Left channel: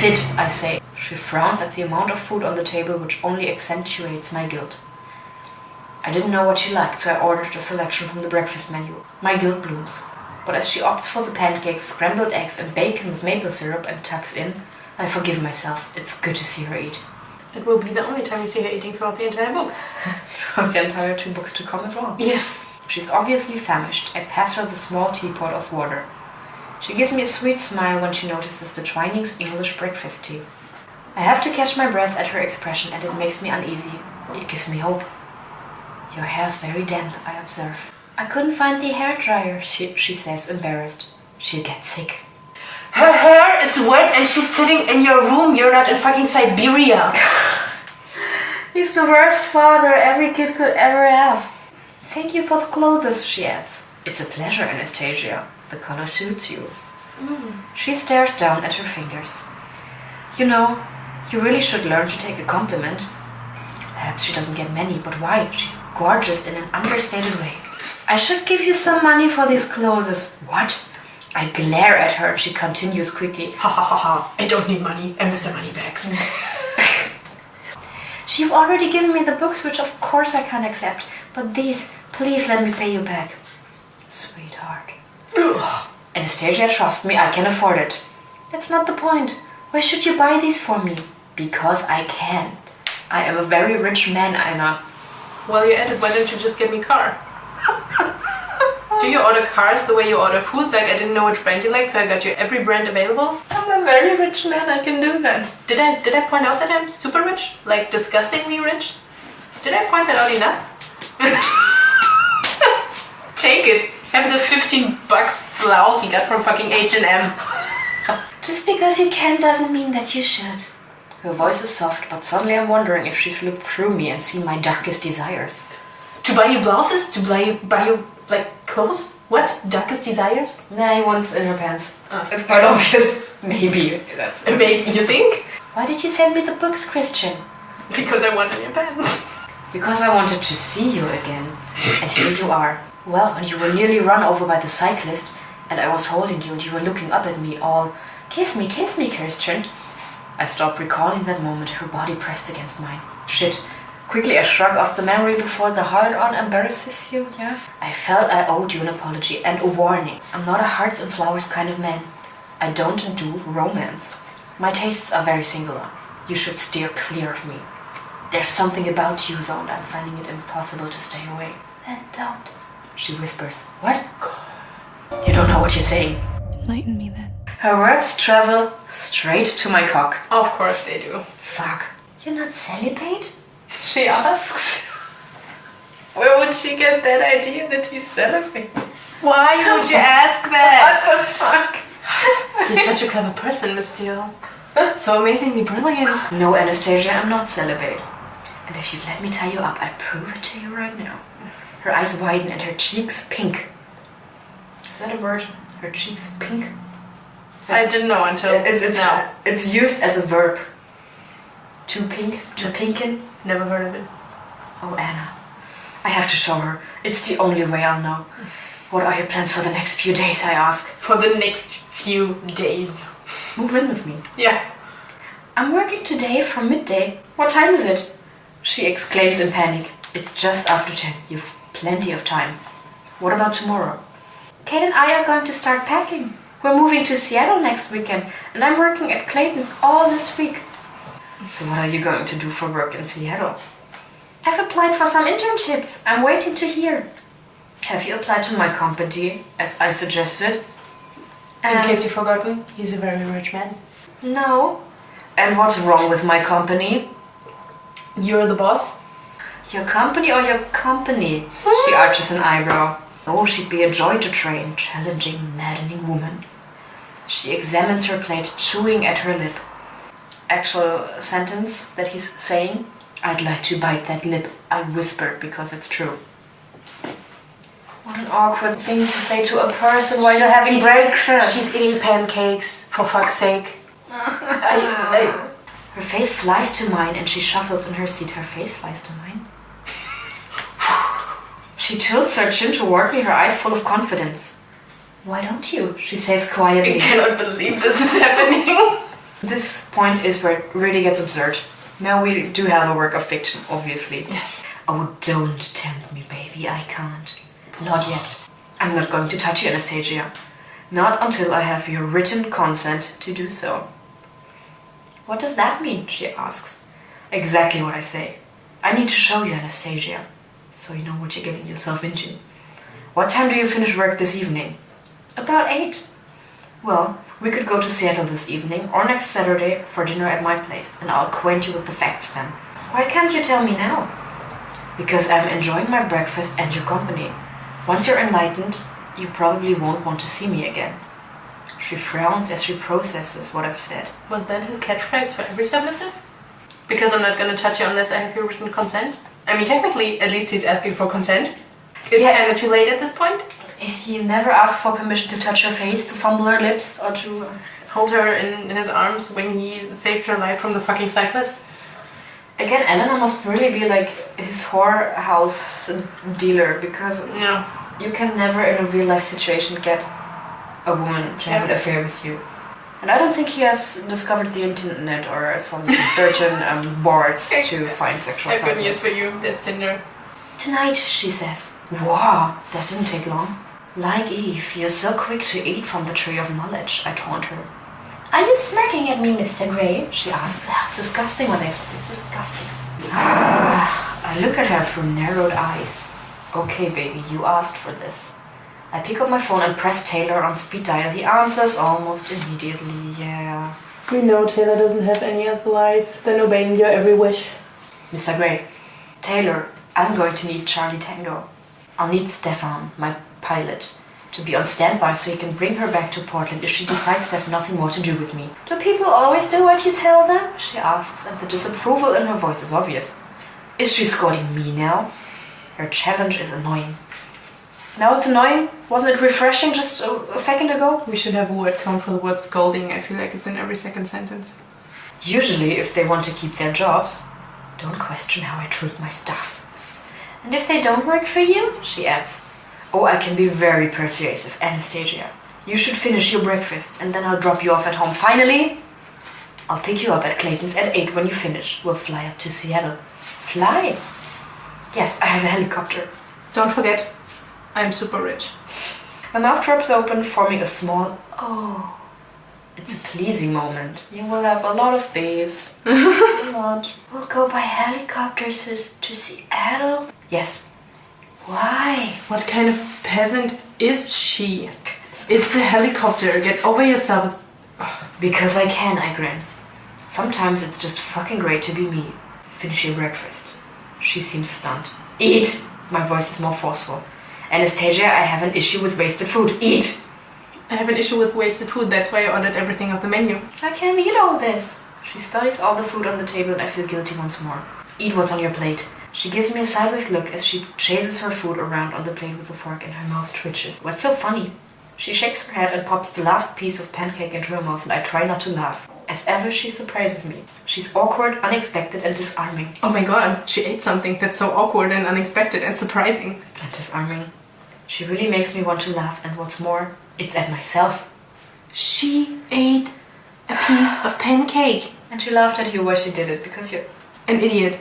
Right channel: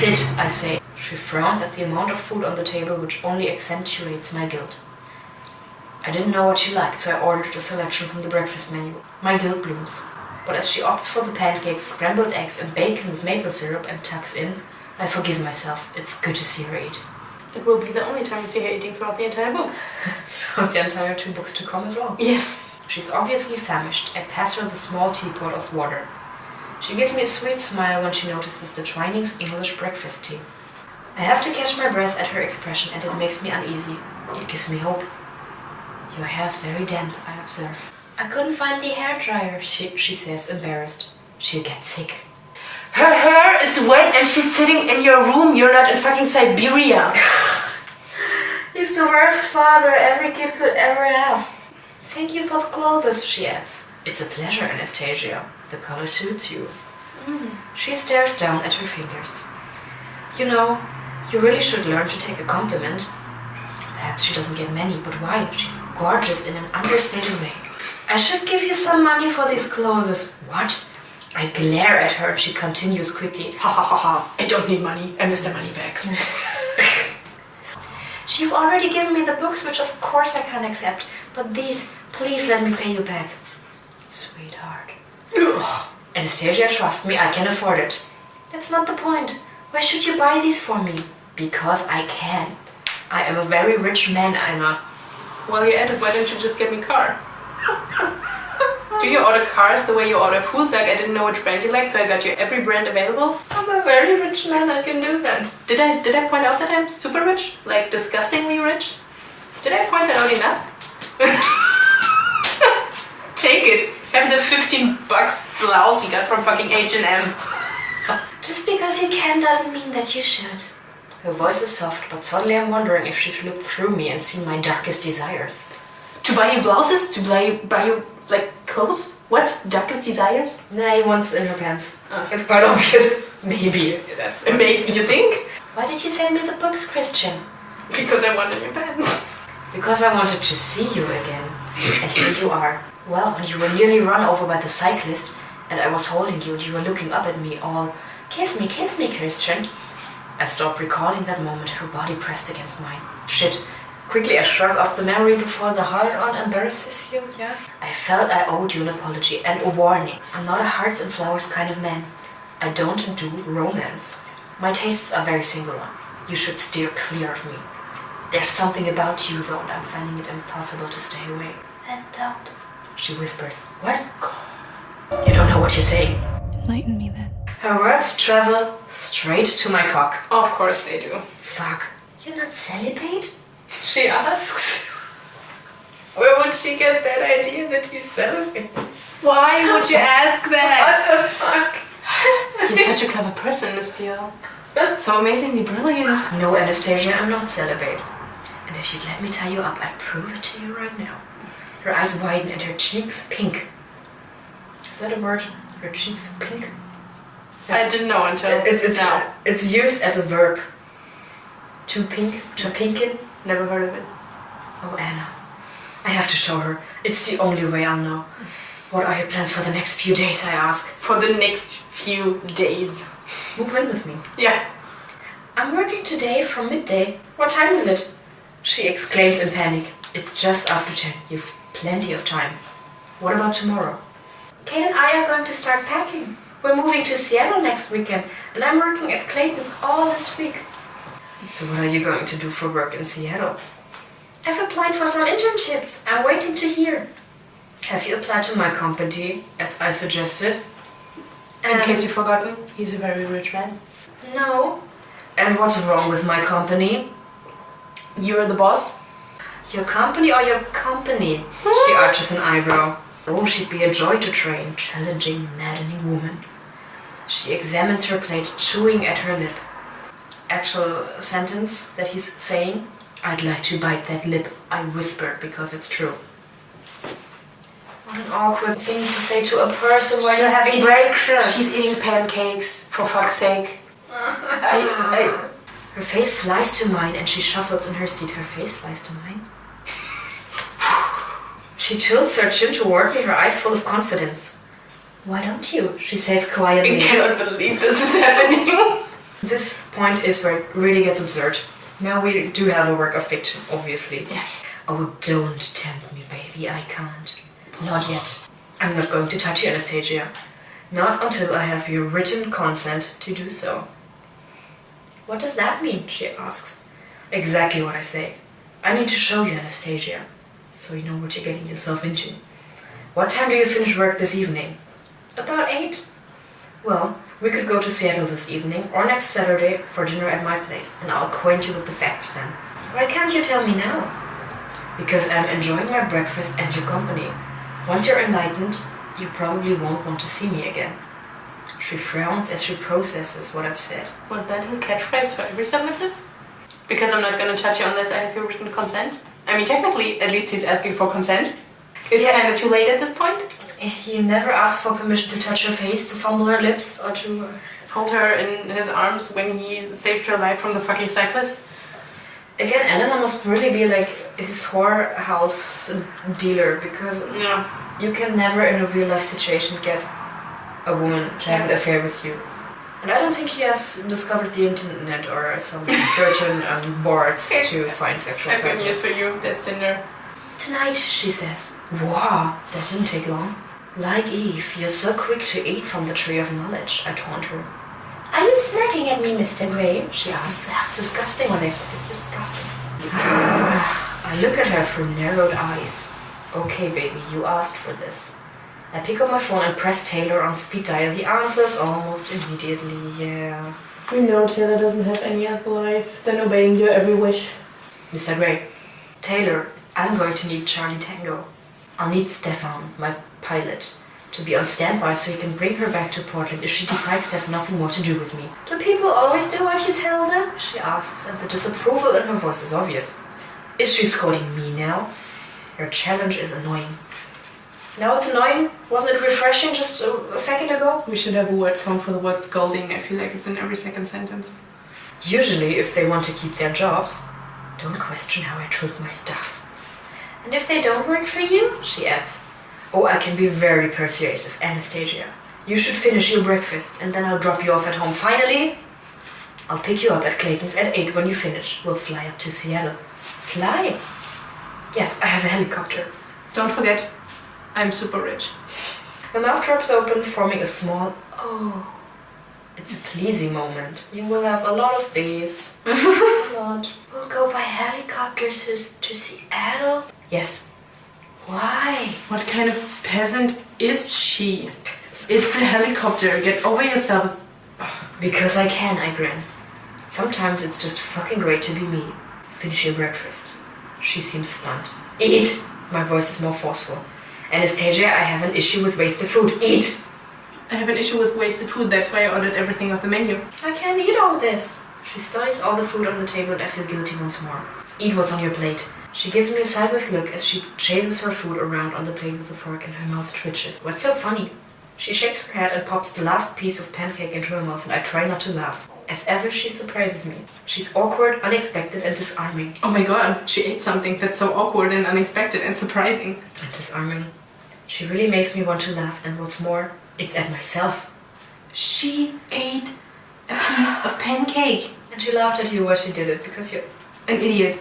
Sit, I say. She frowns at the amount of food on the table, which only accentuates my guilt. I didn't know what she liked, so I ordered a selection from the breakfast menu. My guilt blooms. But as she opts for the pancakes, scrambled eggs and bacon with maple syrup and tucks in, I forgive myself. It's good to see her eat. It will be the only time you see her eating throughout the entire book. Throughout the entire 2 books to come as well. Yes. She's obviously famished. I pass her the small teapot of water. She gives me a sweet smile when she notices the Twinings English breakfast tea. I have to catch my breath at her expression, and it makes me uneasy. It gives me hope. Your hair's very damp, I observe. I couldn't find the hairdryer, she says, embarrassed. She'll get sick. Her hair is wet and she's sitting in your room. You're not in fucking Siberia. He's the worst father every kid could ever have. Thank you for the clothes, she adds. It's a pleasure, Anastasia. The color suits you. She stares down at her fingers. You know, you really should learn to take a compliment. Perhaps she doesn't get many, but why? She's gorgeous in an understated way. I should give you some money for these clothes. What? I glare at her and she continues quickly. Ha ha ha ha. I don't need money. I miss the money bags. You've already given me the books, which of course I can't accept. But these, please let me pay you back. Sweetheart. Ugh. Anastasia, trust me, I can afford it. That's not the point. Why should you buy these for me? Because I can. I am a very rich man, Anna. Well, you added, why don't you just get me a car? Do you order cars the way you order food? Like, I didn't know which brand you liked, so I got you every brand available. I'm a very rich man, I can do that. Did I point out that I'm super rich? Like, disgustingly rich? Did I point that out enough? Take it. Have the $15 blouse you got from fucking H&M. Just because you can doesn't mean that you should. Her voice is soft, but suddenly I'm wondering if she's looked through me and seen my darkest desires. To buy you blouses? To buy you, like, clothes? What? Darkest desires? Nah, one's in her pants. Oh. It's quite obvious. Maybe. That's it. Maybe. You think? Why did you send me the books, Christian? Because I wanted your pants. Because I wanted to see you again. And here you are. Well, when you were nearly run over by the cyclist, and I was holding you and you were looking up at me all, kiss me, Christian. I stopped recalling that moment, her body pressed against mine. Shit. Quickly I shrug off the memory before the hard-on embarrasses you, yeah? I felt I owed you an apology and a warning. I'm not a hearts and flowers kind of man. I don't do romance. My tastes are very singular. You should steer clear of me. There's something about you, though, and I'm finding it impossible to stay away. Then don't. She whispers. What? You don't know what you're saying. Enlighten me then. Her words travel straight to my cock. Of course they do. Fuck. You're not celibate? She asks. Where would she get that idea that he's celibate? Why would you ask that? What the fuck? He's such a clever person, Miss Steele. So amazingly brilliant. No, Anastasia, I'm not celibate. And if you'd let me tie you up, I'd prove it to you right now. Her eyes widen and her cheeks pink. Is that a word? Her cheeks pink? I didn't know until now. It's used as a verb. To pink, to pinken. Never heard of it. Oh, Anna. I have to show her. It's the only way I'll know. What are your plans for the next few days, I ask? For the next few days. Move in with me. Yeah. I'm working today from midday. What time is it? She exclaims in panic. It's just after 10. You've plenty of time. What about tomorrow? Kate and I are going to start packing. We're moving to Seattle next weekend, and I'm working at Clayton's all this week. So what are you going to do for work in Seattle? I've applied for some internships. I'm waiting to hear. Have you applied to my company, as I suggested? In case you've forgotten, he's a very rich man. No. And what's wrong with my company? You're the boss? Your company or your company? She arches an eyebrow. Oh, she'd be a joy to train. Challenging, maddening woman. She examines her plate, chewing at her lip. Actual sentence that he's saying? I'd like to bite that lip, I whisper, because it's true. What an awkward thing to say to a person while you're having breakfast. She's eating pancakes, for fuck's sake. Her face flies to mine and she shuffles in her seat. Her face flies to mine? She tilts her chin toward me, her eyes full of confidence. Why don't you? She says quietly. I cannot believe this is happening. This point is where it really gets absurd. Now we do have a work of fiction, obviously. Yes. Oh, don't tempt me, baby. I can't. Not yet. I'm not going to touch you, Anastasia. Not until I have your written consent to do so. What does that mean? She asks. Exactly what I say. I need to show you, Anastasia, so you know what you're getting yourself into. What time do you finish work this evening? About 8. Well, we could go to Seattle this evening or next Saturday for dinner at my place, and I'll acquaint you with the facts then. Why can't you tell me now? Because I'm enjoying my breakfast and your company. Once you're enlightened, you probably won't want to see me again. She frowns as she processes what I've said. Was that his catchphrase for every submissive? Because I'm not gonna touch you unless I have your written consent? I mean, technically, at least he's asking for consent. It's kinda too late at this point. He never asked for permission to touch her face, to fumble her lips, or to hold her in his arms when he saved her life from the fucking cyclist. Again, Elena must really be like his whorehouse dealer, because you can never in a real life situation get a woman to have an affair with you. And I don't think he has discovered the internet or some certain boards to find sexual I've partners. good news for you, there's Tinder. Tonight, she says. Wow, that didn't take long. Like Eve, you're so quick to eat from the tree of knowledge, I taunt her. Are you smirking at me, Mr. Grey? She asks. It's disgusting, It's disgusting. I look at her through narrowed eyes. Okay, baby, you asked for this. I pick up my phone and press Taylor on speed dial. He answers almost immediately, yeah. We know Taylor doesn't have any other life than obeying your every wish. Mr. Grey, Taylor, I'm going to need Charlie Tango. I'll need Stefan, my pilot, to be on standby so he can bring her back to Portland if she decides to have nothing more to do with me. Do people always do what you tell them? She asks, and the disapproval in her voice is obvious. Is she scolding me now? Her challenge is annoying. Now it's annoying? Wasn't it refreshing just a second ago? We should have a word count for the word scolding. I feel like it's in every second sentence. Usually, if they want to keep their jobs, don't question how I treat my staff. And if they don't work for you, she adds, oh, I can be very persuasive, Anastasia. You should finish your breakfast, and then I'll drop you off at home. Finally, I'll pick you up at Clayton's at 8 when you finish. We'll fly up to Seattle. Fly? Yes, I have a helicopter. Don't forget, I'm super rich. Her mouth drops open, forming a small, oh. It's a pleasing moment. You will have a lot of these. A lot. We'll go by helicopter to Seattle? Yes. Why? What kind of peasant is she? It's a helicopter. Get over yourself. Because I can, I grin. Sometimes it's just fucking great to be me. Finish your breakfast. She seems stunned. Eat! My voice is more forceful. Anastasia, I have an issue with wasted food. Eat! I have an issue with wasted food. That's why I ordered everything off the menu. I can't eat all this. She studies all the food on the table and I feel guilty once more. Eat what's on your plate. She gives me a sideways look as she chases her food around on the plate with a fork and her mouth twitches. What's so funny? She shakes her head and pops the last piece of pancake into her mouth and I try not to laugh. As ever, she surprises me. She's awkward, unexpected, and disarming. Oh my god, she ate something that's so awkward and unexpected and surprising. And disarming. She really makes me want to laugh, and what's more, it's at myself. She ate a piece of pancake. And she laughed at you while she did it, because you're an idiot.